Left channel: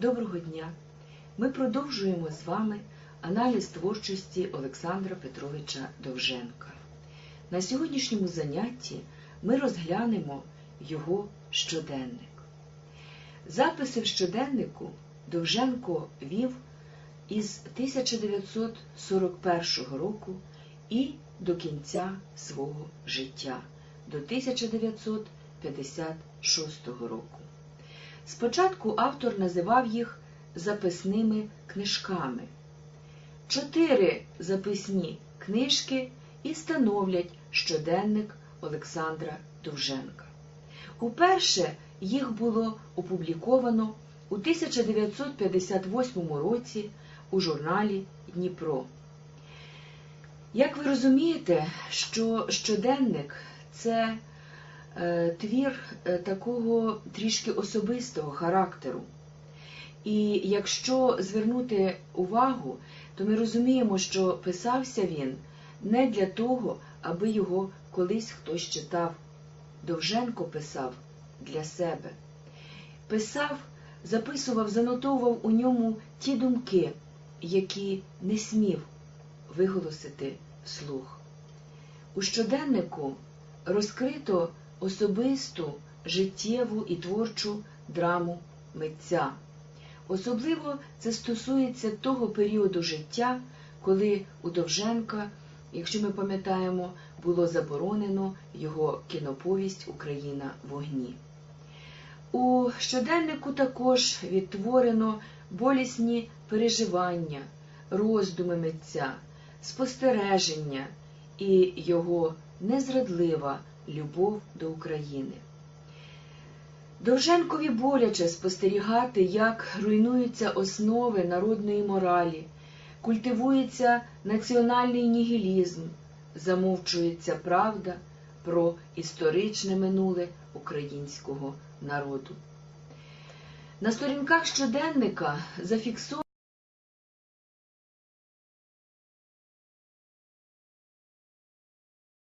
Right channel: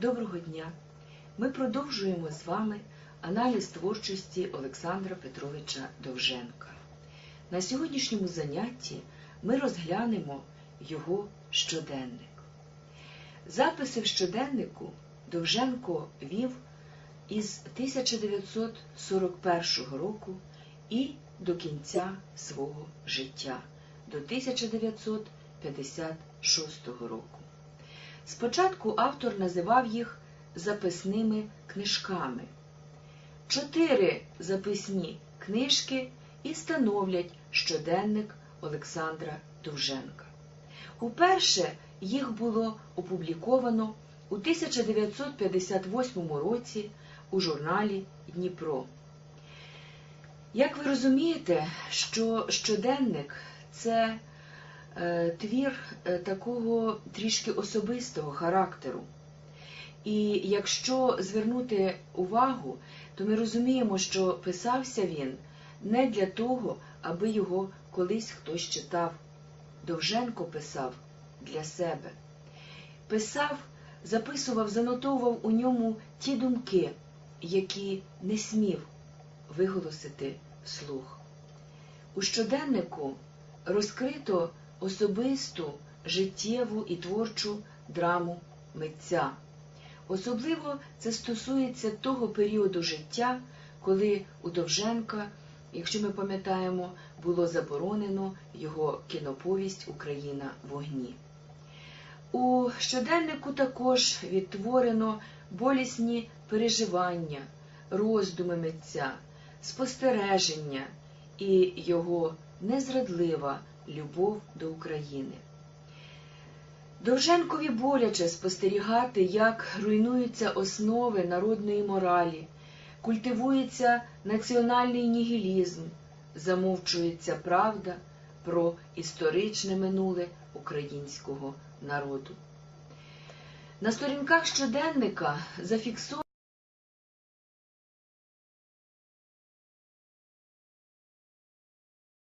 Доброго дня! Ми продовжуємо з вами аналіз творчості Олександра Петровича Довженка. На сьогоднішньому занятті ми розглянемо його щоденник. Записи в щоденнику Довженко вів із 1941 року і до кінця свого життя, до 1956 року. Спочатку автор називав їх записними книжками. Чотири записні книжки і становлять щоденник Олександра Довженка. Уперше їх було опубліковано у 1958 році у журналі Дніпро. Як ви розумієте, що щоденник це твір е, такого трішки особистого характеру. І якщо звернути увагу, то ми розуміємо, що писався він не для того, аби його колись хтось читав. Довженко писав для себе. Писав, записував, занотовував у ньому ті думки, які не смів виголосити вслух. У щоденнику розкрито особисту, життєву і творчу драму митця. Особливо це стосується того періоду життя, коли у Довженка, якщо ми пам'ятаємо, було заборонено його кіноповість Україна в огні. У щоденнику також відтворено болісні переживання, роздуми митця, спостереження і його незрадлива любов до України. Довженкові боляче спостерігати, як руйнуються основи народної моралі, культивується національний нігілізм, замовчується правда про історичне минуле українського народу. На сторінках щоденника зафіксовано